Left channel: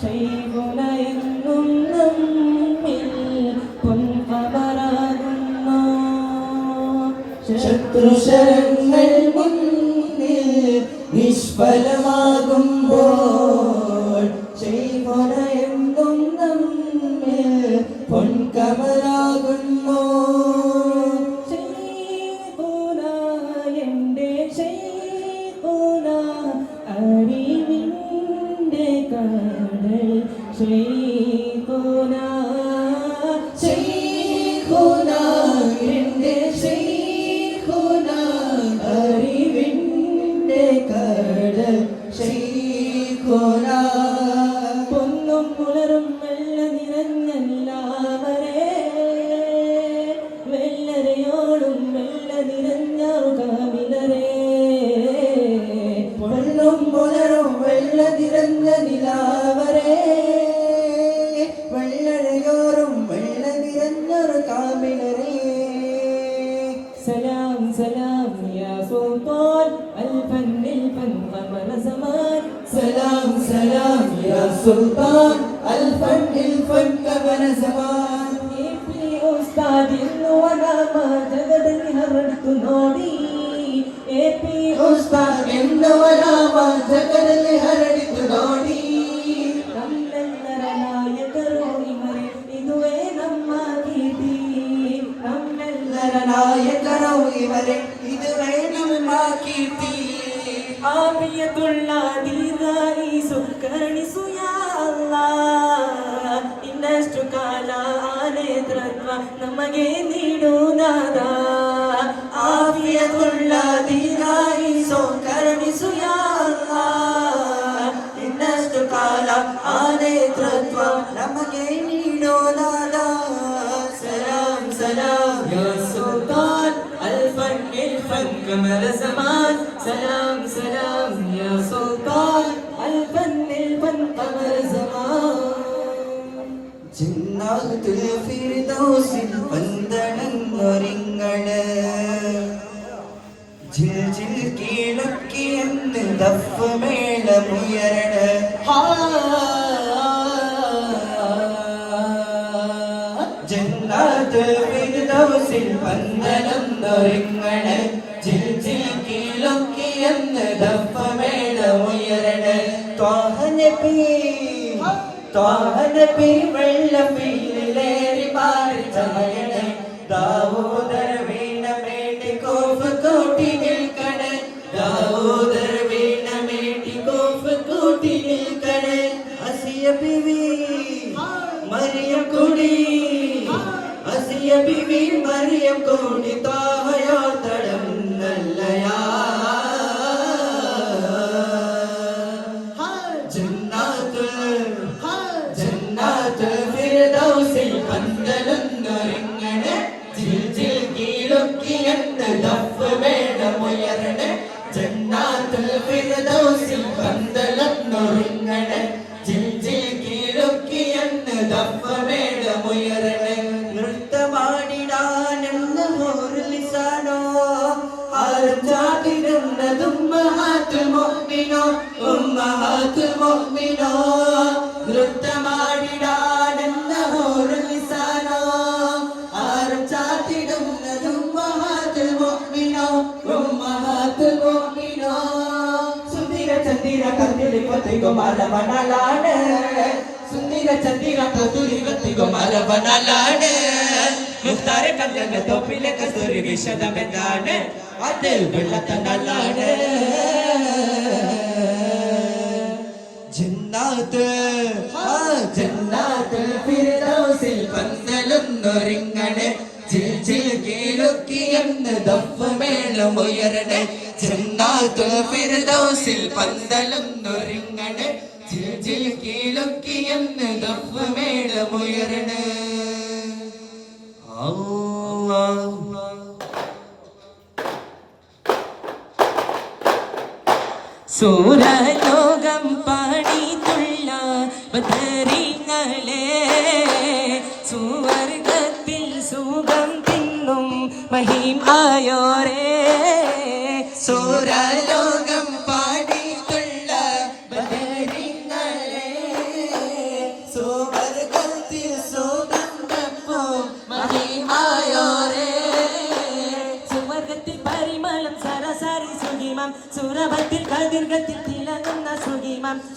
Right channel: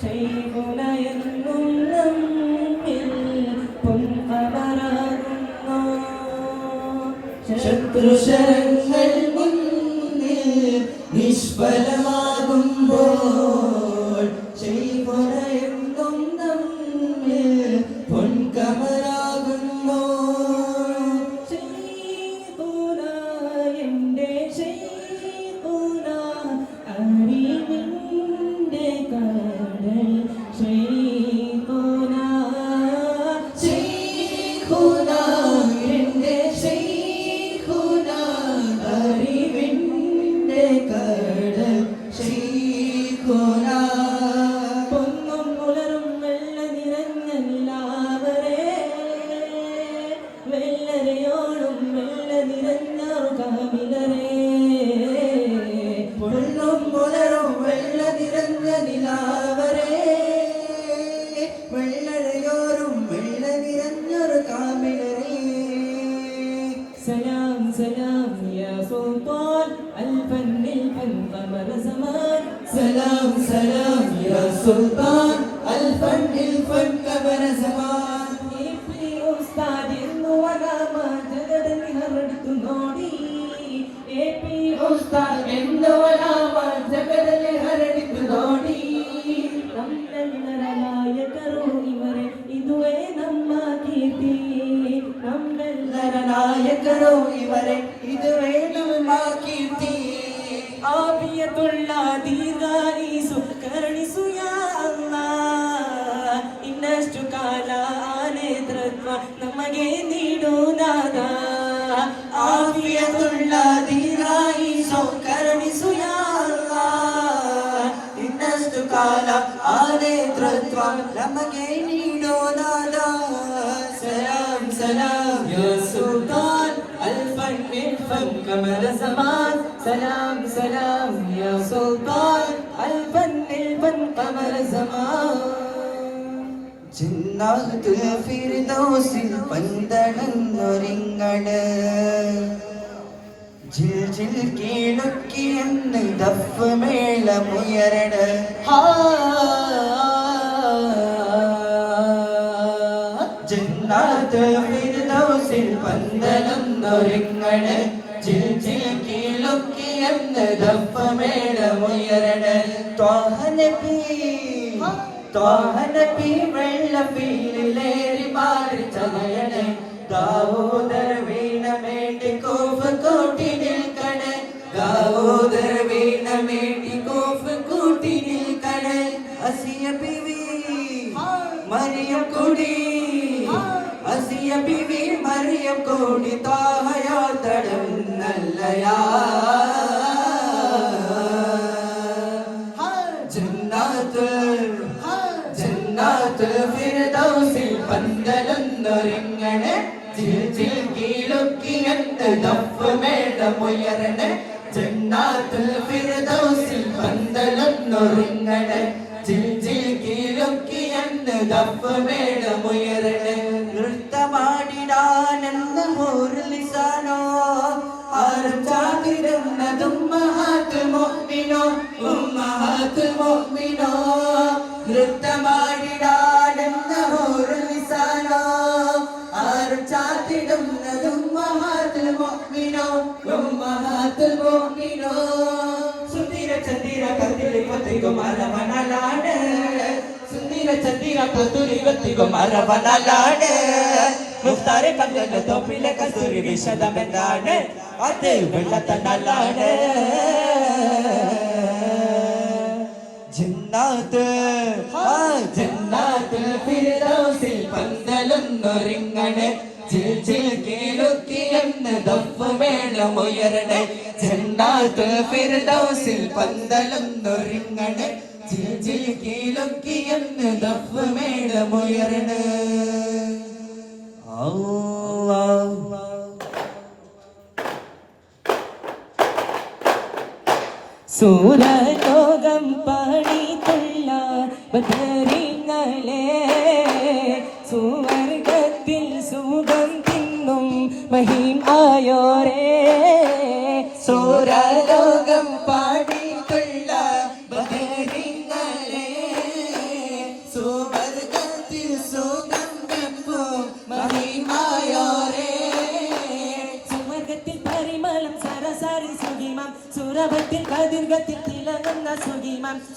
ശൈഖുനയെന്നും നമ്മിൽ പൊൻകമറാകുന്നു. ശത്രുശരങ്ങൾ മുന്നിൽ നിഷ്ഫലമാകുമ്പോൾ ശൈഖുനയെന്നും നമ്മിൽ പൊൻകമറാകുന്നു. ശൈഖുന എൻ്റെ ശൈഖുന അറിവിൻ്റെ കടൽ ശൈഖുന ശൈഖുന എൻ്റെ ശൈഖുന അറിവിൻ്റെ കടൽ ശൈഖുന. പൊന്നും പുലരും വെള്ള നിറഞ്ഞല്ലാവരെ വെള്ളരയോളും വെള്ള നിറഞ്ഞാറു കാമിലരെ. പൊന്നും പുലരും വെള്ള നിറഞ്ഞ നിലാവരെ വെള്ളരയോറും വെള്ള നിറഞ്ഞൊരു കാമിലരെ. സലാം സലാം യാ സുൽത്താൻ അൽഫന്നിൽ ഫൻ ഖമറ സമാൻ. സലാം സലാം യാ സുൽത്താൻ അൽഫന്നിൽ ഫൻ ഖമറ സമാൻ. ഏപി ഉസ്താദ് ഇന്നു വരാമ ജഗടനി ഹറടുത്തു നോടി. ഏപി ഉസ്താദ് ഇന്നു വരാമ ജഗടനി ഹറടുത്തു നോടി. ನಮ್ಮೆಲ್ಲರ ನಾಯಕರು ಇವರೇ ಇದುವೇ ನಮ್ಮ ಕೀರ್ತಿ. ನಮ್ಮೆಲ್ಲರ ನಾಯಕರು ಇವರೇ ಇದುವೇ ನಮ್ಮ ಕೀರ್ತಿ. ಆಫಿಯತುಳ್ಳ ದೀರ್ಘಾಯಿಸು ಕರುಣಿಸು ಯಾ ಅಲ್ಲಾಹ್. ಇನ್ನಷ್ಟು ಕಾಲ ಆ ನೇತೃತ್ವ ನಮಗೆ ನೀಡು ನಾದ. ಆಫಿಯತುಳ್ಳ ದೀರ್ಘಾಯಿಸು ಕರುಣಿಸು ಯಾ ಅಲ್ಲಾಹ್. ಇನ್ನಷ್ಟು ಕಾಲ ಆ ನೇತೃತ್ವ ನಮಗೆ ನೀಡು ನಾದ. ಸಲಾಂ ಸಲಾಂ ಯಾ ಸುಲ್ತಾನ್ ಅಲ್ಫನ್ ಇಲ್ಫನ್ ಕಮರ ಜಮಾನ್. ಸಲಾಂ ಸಲಾಂ ಯಾ ಸುಲ್ತಾನ್ ಅಲ್ಫನ್ ಇಲ್ಫನ್ ಕಮರ ಜಮಾನ್. ജന്നാത്തുൽ ഫിർദൗസിൽ പന്തളന്നൊരിങ്ങണ് ജിൽ ജിൽ കീഴൊക്കിയെന്ന് ദഫ് മേളമുയരണ. ജന്നാത്തുൽ ഫിർദൗസിൽ പന്തളന്നൊരിങ്ങണ് ജിൽ ജിൽ കീഴൊക്കിയെന്ന് ദഫ് മേളമുയരണ. ത്വാഹ നബി വെള്ളപ്പീലിലേറി മാറി ചമയണേ. ദാവൂദർ വീണ മേട്ടി കോഫ് കൂട്ടി നിൽക്കണേ. ദാവൂദർ വീണ മേട്ടി കോഫ് കൂട്ടി നിൽക്കണേ. അസിയ ബിവി മറിയം കൂടി അസിയ ബിവി മറിയം കൂടി താഹയോ തടം നല്ലയാ. ഫിർദൗസിൽ പന്തളന്നൊരിങ്ങണ് ജിൽ ജിൽ കീഴൊക്കിയെന്ന് ദഫ് മേളമുയരണേ. ജന്നാത്തുൽ ഫിർദൗസിൽ പന്തളന്നൊരിങ്ങണ് ജിൽ ജിൽ കീഴൊക്കിയെന്ന് ദഫ് മേളമുയരണേ. നൃത്തമാടിടാനെന്ന ഹൂറുലിസാനോ ആർജാതിരുന്നതും ഉമ്മഹാത്തുൽ മുഅ്മിനോ ഉമ്മഹാത്തുൽ മുഅ്മിനോ. നൃത്തമാടിടാനെന്ന ഹൂറുലിസാനോ ആരും ചാത്തിടുന്നതും ഉമ്മഹാത്തുൽ മുഅ്മിനോ ഉമ്മഹാത്തുൽ മുഅ്മിനോ. സുന്ദര ചന്ദിര കത്തിലി കത്തികോ മരവണലാണ്. സുന്ദര ചന്ദിര കത്തിലി കത്തികോ മരവണലാണ്. മുഖ്താരെ കല്ലന തോപ്പിലെ കസ്തൂരി വിശദമെന്താണ് അത് വെള്ളത്തണലാണ്. ജന്നാത്തുൽ ഫിർദൗസിൽ പന്തളന്നൊരിങ്ങണ് ജിൽ ജിൽ കീഴൊക്കിയെന്ന് ദഫ് മേളമുയരണേ. ജന്നാത്തുൽ ഫിർദൗസിൽ പന്തളന്നൊരിങ്ങണ് ജിൽ ജിൽ കീഴൊക്കിയെന്ന് ദഫ് മേളമുയരണേ. സൂരലോകം പണിതുള്ള ബദരീങ്ങളെ സുവർഗത്തിൽ സുഖം തിന്നും മഹിം ആയോരേ. സൂരലോകം പണിതുള്ള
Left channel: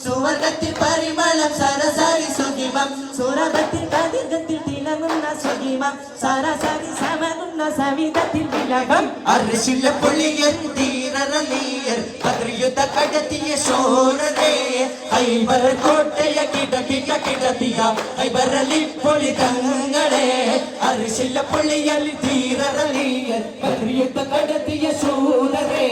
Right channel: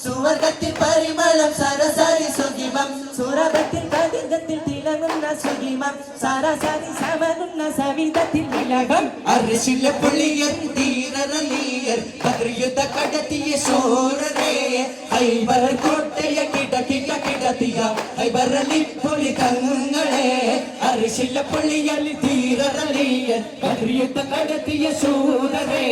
സുവർഗത്തിൽ പരിമളം സരസാരി സുഖിമം സുരഭത്തിൽ കതിർഗത്തിൽ തിളങ്ങുന്ന സുഖിമം സരസാരി സമകുന്ന സവിധത്തിൽ വിലകം അർശില പുള്ളിയൻ തീരലിയർ പദ്രയുദ്ധ കടത്തിയ ശോരരേ ഹൈബർ കോട്ടയ കിടത്തിയ ഹൈബറലി പുലി തങ്ങളെ അർശില പുള്ളിയൻ തീരലിയർ പദ്രയുദ്ധ കടത്തിയ ശോരരേ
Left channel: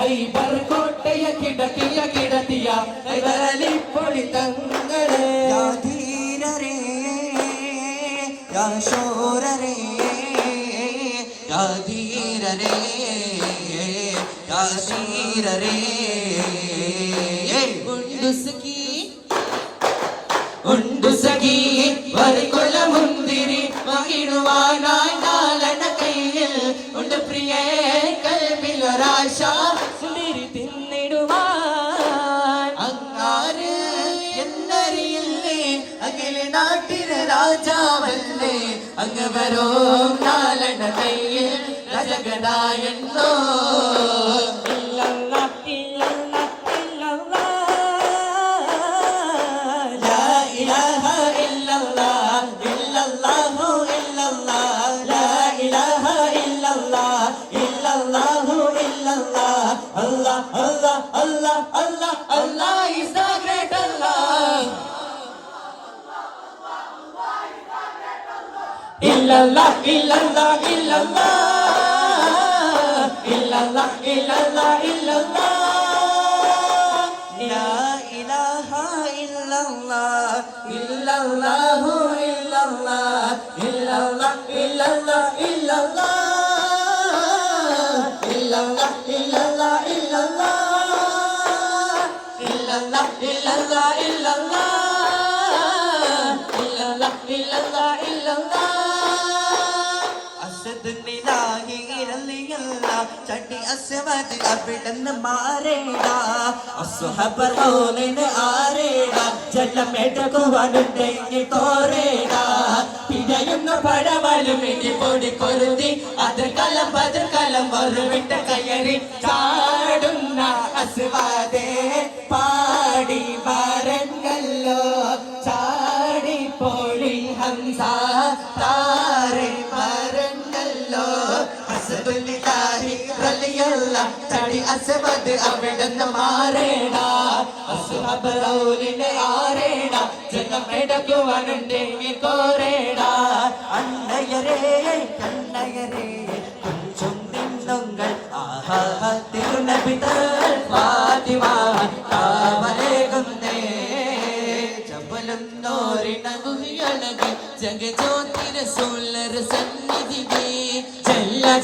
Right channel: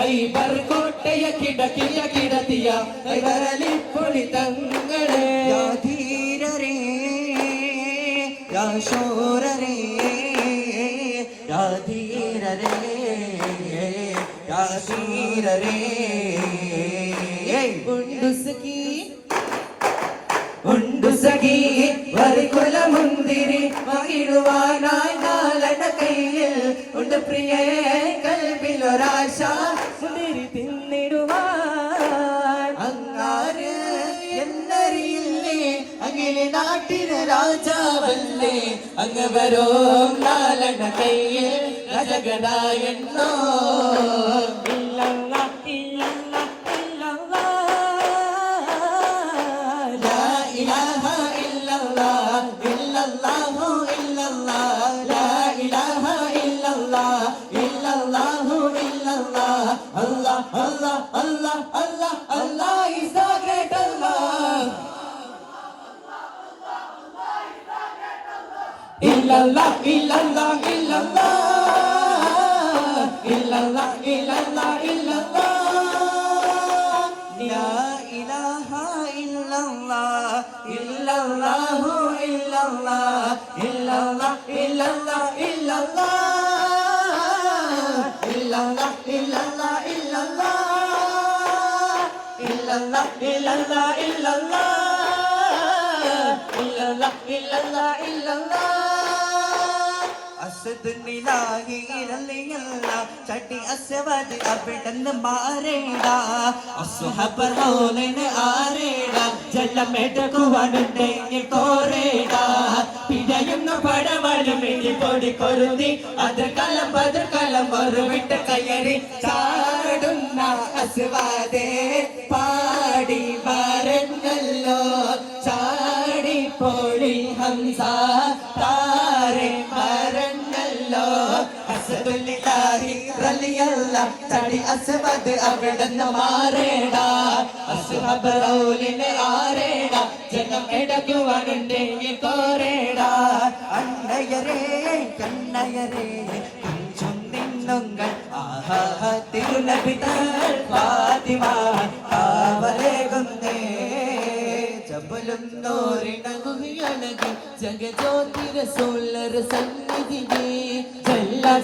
ഹൈബർ കോട്ടയ കിടത്തിയ ഹൈബറലി പുലി തങ്ങളെ യാ ധീരരേ യാ ശൂരരേ യാ ധീരരേ യാ ശീരരേ ഉണ്ടു സഖി വരികുല മുന്തിരി മകിടുവാനായി നാലണ കയ്യിൽ ഉണ്ട് പ്രിയേ കൽവിൽ ഒരാശ സുന്ദരി തിന്നിടുവാൻ അങ്ങാര് എന്നറിയില്ലേ അഖില നാട്ടിലെ രാജാവല്ലേ അങ്ങ് വരോ നാലണ കയ്യിൽ രജഗടായെന്നോ illallah illallah illallah illallah illallah illallah la ilaha illallah illallah illallah illallah illallah illallah illallah illallah illallah illallah illallah illallah illallah illallah illallah ചട്ടി അസവതി അവിടന്ന് മാറേടാ അസുഹബറോനെ ആരേടാ ജലമെടുക്കുവാനുണ്ടെങ്കിൽ തോരേടാ പിഴയുന്ന പടവലും ഇനി പൊടി പൊരുതി അതിർക്കലം ഒരു വിട്ട കയറി ചാടുന്ന അസുവാദേ പാടി വരങ്ങല്ലോ ചാടി പൊഴി ഹംസ താരെ വരങ്ങല്ലോ ചടി അസവത് അവിടുന്ന് മാറേടാ അസുഹബറോലിനെ ആരേടാ ജനം എടുക്കുവാനുണ്ടെങ്കിൽ കോരേടാ അണ്ണയരേ കണ്ണയരേ കുഞ്ചും നിന്നുങ്ങൾ ആഹാ തിരുനബിതൽ ഫാത്തിമ കാവലേകുന്നേ ജബലും നോരിണ ഗുഹയണകി ജഗജ്യോതിര സോളര സന്നിധിവേ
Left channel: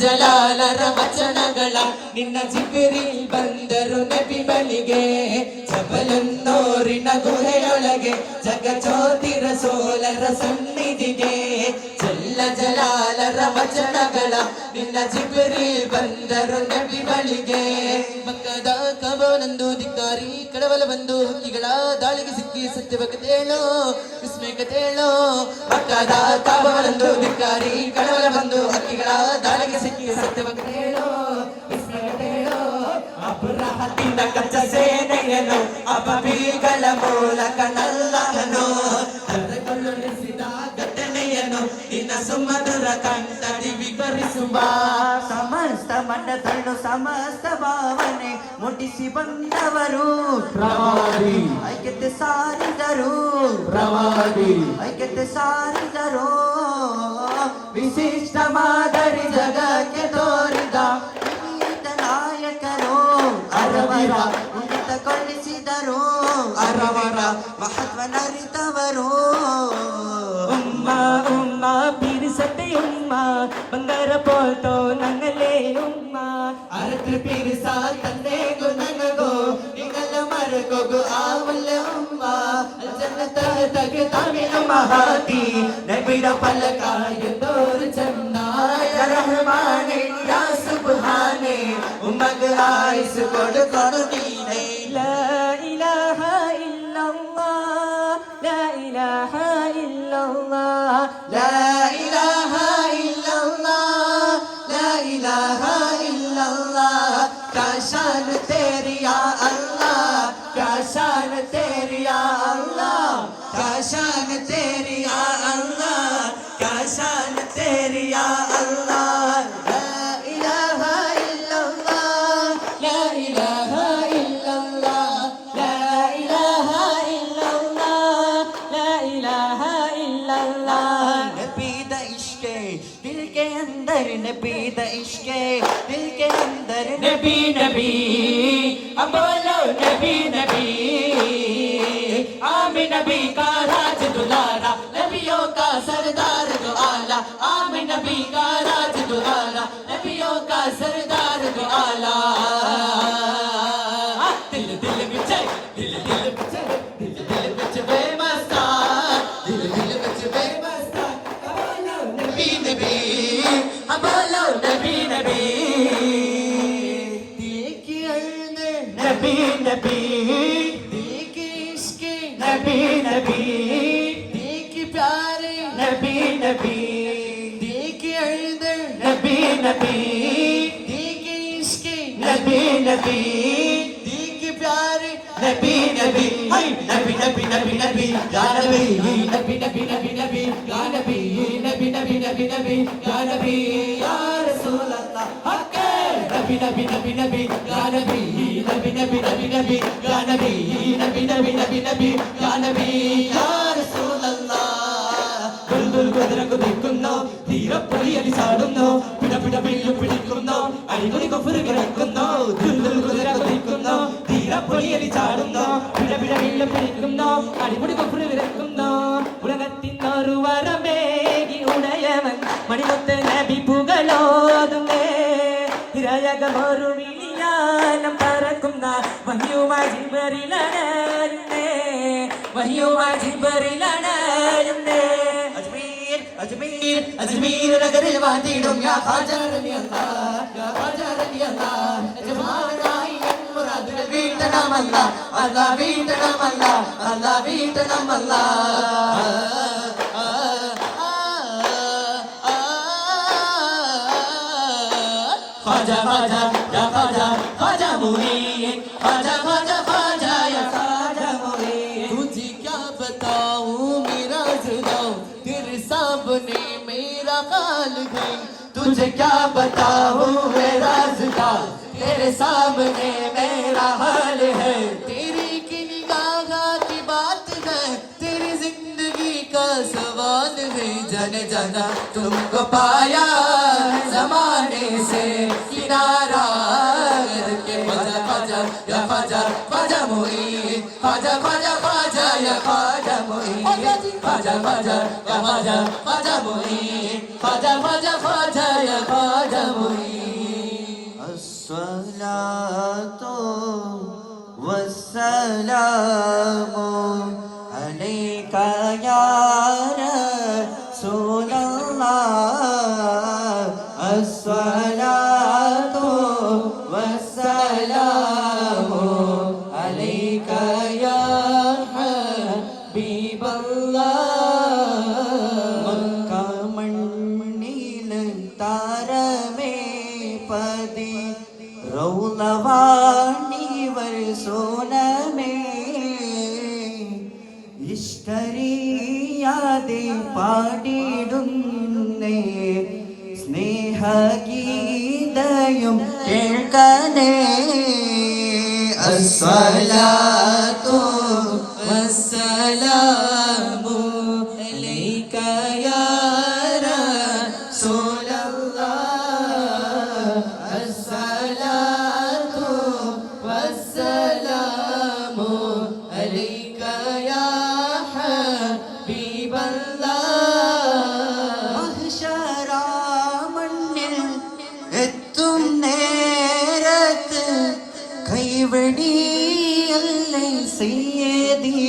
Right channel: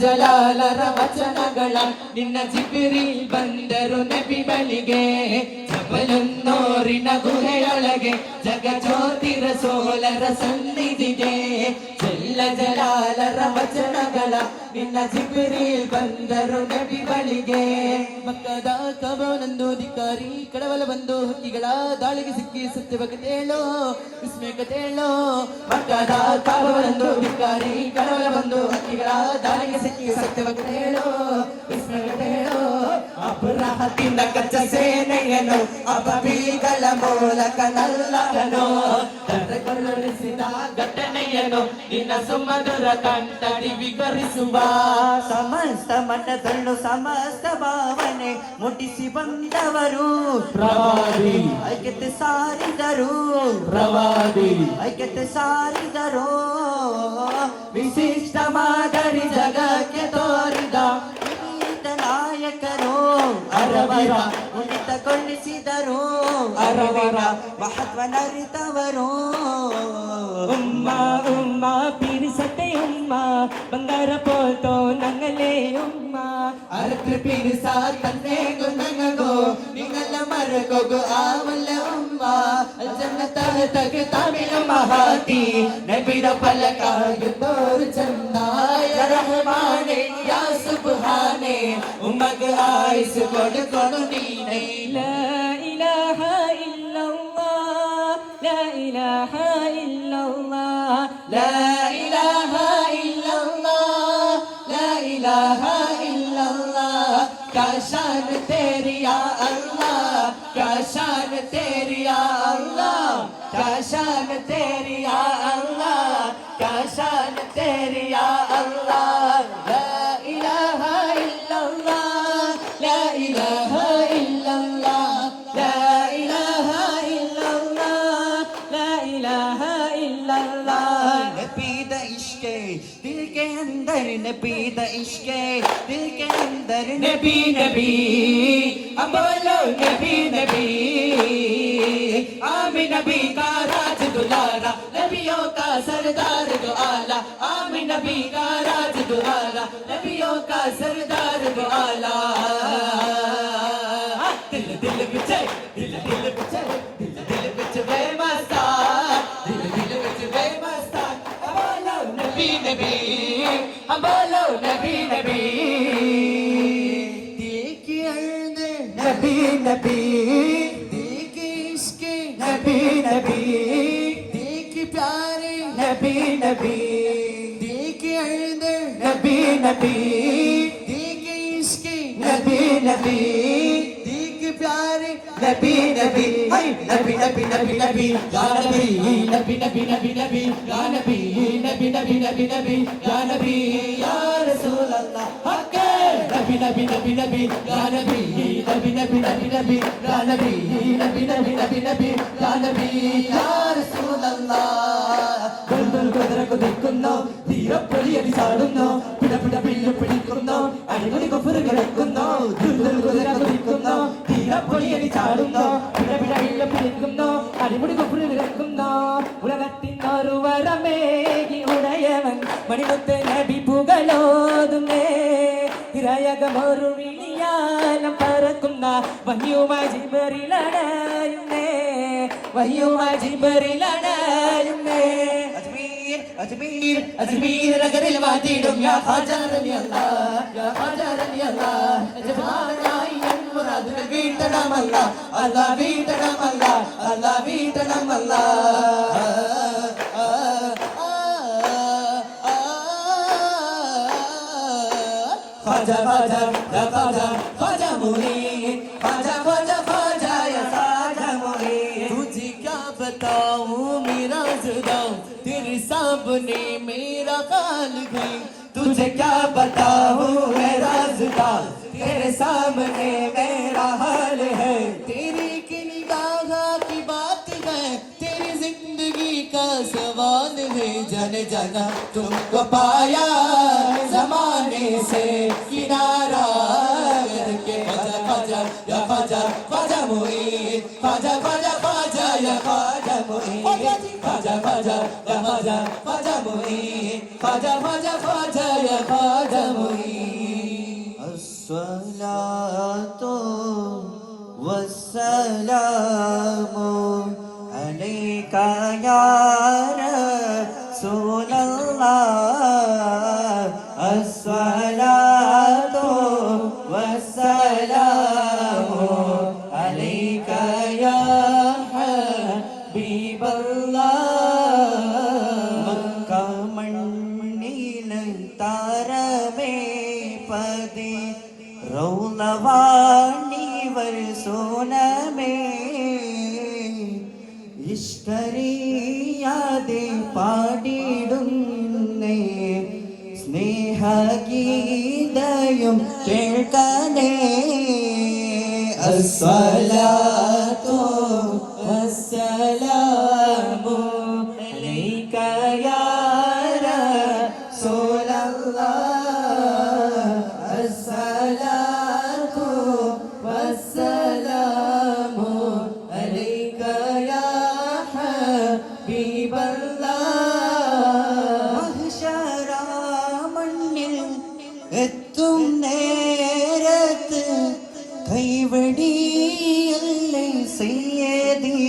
ಜಲಾಲರ ವಚನಗಳ ನಿನ್ನ ಜಿಬಿರಿಲ್ ಬಂದರು ನಬಿ ಬಳಿಗೆ ಜಬಲನ್ನೋರಿನ ಗುಹೆಯೊಳಗೆ ಜಗಜ್ಯೋತಿರ ಸೋಲರ ಸನ್ನಿಧಿಗೆ ಜಲಾಲರ ವಚನಗಳ ನಿನ್ನ ಜಿಬಿರಿಲ್ ಬಂದರು ನಬಿ ಬಳಿಗೆ ಮಕ್ಕದ ಕಬನಂದು ಧಿಕ್ಕಾರಿ ಕಡವಲ ಬಂದು ಹಕ್ಕಿಗಳ ದಾಳಿಗೆ ಸಿಕ್ಕಿ ಸತ್ಯವಕತೇಳೋ ವಿಸ್ಮಯಕತೇಳೋ ಮಕ್ಕದ ಕಬನಂದು ಧಿಕ್ಕಾರಿ ಕಡವಲ ಬಂದು ಹಕ್ಕಿಗಳ ದಾಳಿಗೆ ಸಿಕ್ಕಿ ಸತ್ಯವಕತೇಳೋ ವಿಸ್ಮಯಕತೇಳೋ ಅಪರಾಹದಿಂದ ಕಚ್ಚ ಸೇನೆಯನು ಅಪಬೀಗಳ ಮೂಲಕ ನಲ್ಲಹನು ಕರೆಗೊಳಿಸಿದ ಘಟನೆಯನು ಇನ್ನ ಸುಮಧುರ ಕಂಠದಿ ವಿವರಿಸುವ ಸಮಸ್ತ ಮನದಳು ಸಮಸ್ತ ಭಾವನೆ ಮುಟ್ಟಿಸಿ ಬಂದವರು ಪ್ರವಾದಿ ಐಕ್ಯತೆ ಸಾರಿದರು ಪ್ರವಾದಿ ಐಕ್ಯತೆ ಸಾರಿದರು ವಿಶಿಷ್ಟ ಮಾದರಿ ಜಗಕ್ಕೆ ತೋರಿದ ನಾಯಕರು ಅರವರ ಉನ್ನತಗೊಳಿಸಿದರು ಅರವರ ಮಹತ್ವನರಿತವರು ಉಮ್ಮ ಉಮ್ಮ ಪಿರಿಸತೆ ಉಮ್ಮ ಬಂಗಾರ ಪೋತೋ ನಂಗಲೇ ಉಮ್ಮ ಅರಕ್ಕೆ ಪಿರಿಸ ತನ್ನೆಗು ನನಗೋ ನಿಂಗಲ ಮರಕೋಗು ಆವಲ ಉಮ್ಮ ಜನ್ನತ ತಗೆ ತಮಿಳು ಮಹಾತಿ ನಬಿಡ ಫಲಕಾಯ ತೋರು ಚನ್ನಾಯ ರಹಮಾನೆ ಯಾ ಸುಬ್ಹಾನೆ ಉಮ್ಮಗ ಆಯಿಸ್ ಕೊಡು ಕೊಡು ನೀನೇ ಲಾ ಇಲಾಹ ಇಲ್ಲಲ್ಲಾಹ್ ಲಾ ಇಲಾಹ ಇಲ್ಲಲ್ಲಾಹ್ ಲಾ ಇಲಾಹ ಇಲ್ಲಲ್ಲಾಹ್ ಲಾ ಇಲಾಹ ಇಲ್ಲಲ್ಲಾಹ್ क्या शान तेरी या अल्लाह क्या शान तेरी या अल्लाह, क्या शान तेरी या अल्लाह, क्या शान तेरी या अल्लाह। ला इलाहा इल्लल्लाह, ला इलाहा इल्लल्लाह, ला इलाहा इल्लल्लाह, ला इलाहा इल्लल्लाह। नबी दा इश्क़े दिल के अंदर, नबी दा इश्क़े दिल के अंदर, नबी नबी अब बोलो नबी नबी। आमिन नबी का राज दुलारा, नबियों का सरदार दो आला, आमिन नबी का राज दुलारा, नबियों का सरदार दो आला। दिल दिल बिचे, दिल दिल बिचे, दिल दिल बिच बेमस्ता, दिल दिल बिच बेमस्ता। बोलो नबी नबी, बोलो नबी नबी। नबी नबी, दिल के इश्क़े नबी नबी, दिल के प्यारे नबी नबी, दिल के अंदर नबी नबी, दिल के इश्क़े नबी नबी, दिल के प्यारे नबी नबी। नबी नबी नबी नबी या नबी, नबी नबी नबी नबी या नबी, नबी नबी नबी नबी या नबी या रसूल अल्लाह। नबी नबी नबी नबी या नबी, नबी नबी नबी नबी या नबी, नबी नबी नबी नबी या नबी या रसूल अल्लाह। ദുൽദുൽ കുതിരക്കു നിൽക്കുന്നു, തീരപ്പൊലിയടി ചാടുന്നു, പിട പിട വില്ലു പിടിക്കുന്നു, അടിമുടി കുഫർ കിടക്കുന്നു. ദുൽദുൽ കുതിരക്കു നിൽക്കുന്നു, തീരപ്പൊലിയടി ചാടുന്നു, പിട പിട വില്ലു പിടിക്കുന്നു, അടിമുടി കുഫർ കിടക്കുന്നു. ഉലകത്തിനൊരു വരമേകി ഉണയവൻ മണിമുത്ത് നബി പുകളോതുന്നേ, ിരയകമൊരു വിളിയാനം പറക്കുന്ന വഹ്യുമായി ജിബ്രീലണയുന്നേ, വഹ്യുമായി ജിബ്രീലണയുന്നേ. അജ്മീർ അജ്മീർ അജ്മീർ നഗരിൽ വാതിടും യാ ഖാജ റലി അല്ലാഹ്, യാ ഖാജ റലി അല്ലാഹ്. യജമാനായി മുറാദ് വീട്ടണമല്ല, അല്ലാഹ് വീട്ടണമല്ല, അല്ലാഹ് വീട്ടണമല്ല. ख्वाजा ख्वाजा या ख्वाजा ख्वाजा मुईन, ख्वाजा ख्वाजा ख्वाजा या ख्वाजा मुईन। तुझे क्या बताऊं मेरा ज़िदाऊं, तेरे सामने मेरा हाल है। तुझे क्या बताऊं मेरा ज़िदाऊं, तेरे सामने मेरा हाल है। तेरी की निगाह की बात है, तेरी जिंदगी का सवाल है। जन जना तुमको पाया जमाने से किनारा करके, ख्वाजा ख्वाजा या ख्वाजा ख्वाजा मुईन, ख्वाजा ख्वाजा ख्वाजा या ख्वाजा मुईन, ख्वाजा ख्वाजा या ख्वाजा ख्वाजा मुईन, ख्वाजा ख्वाजा ख्वाजा या ख्वाजा मुईन। अस्सलातु वस्सलामु अलैका या रसूलल्लाह, अस्सलातु वस्सलामु अलैका या हबीबल्लाह। मक्का मण्ണിൽ താരമേ പതി റൗളവാണിവർ സോനമേ, ഇഷ്കറിയാതെ പാടിടുന്നേ സ്നേഹഗീതയും കേൾക്കണേ. അസ്സലാത്തു വസ്സലാമു അലൈക യാ റസൂലല്ലാഹ്, അസ്സലാത്തു വസ്സലാമു അലൈക യാ ഹബീബല്ലാഹ്. മഹ്ശറാ മണ്ണിൽ എത്തും നേരത്ത് കൈവടിയല്ലേ സയ്യദി,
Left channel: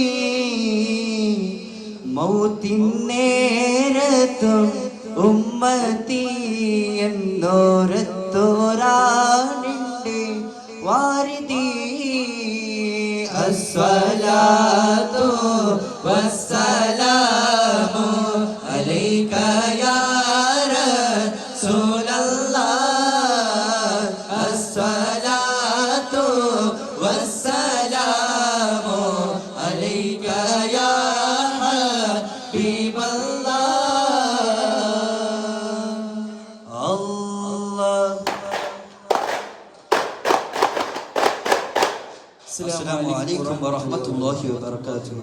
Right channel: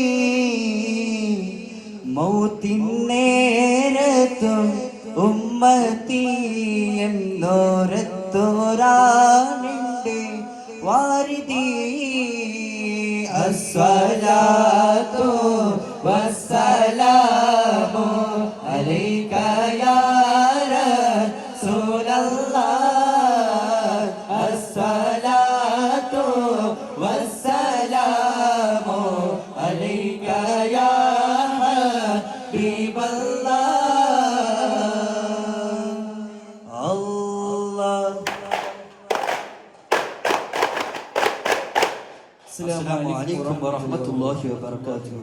മൗത്തിൻ നേരത്തും ഉമ്മത്തി എന്നോരത്തോരാനുണ്ട് വാരിദി. അസ്സലാത്തു വസ്സലാമു അലൈക യാ റസൂലല്ലാഹ്, അസ്സലാത്തു വസ്സലാമു അസ്സലാമു അലൈക്കും വറഹ്മത്തുള്ളാഹി വബറകാതുഹു.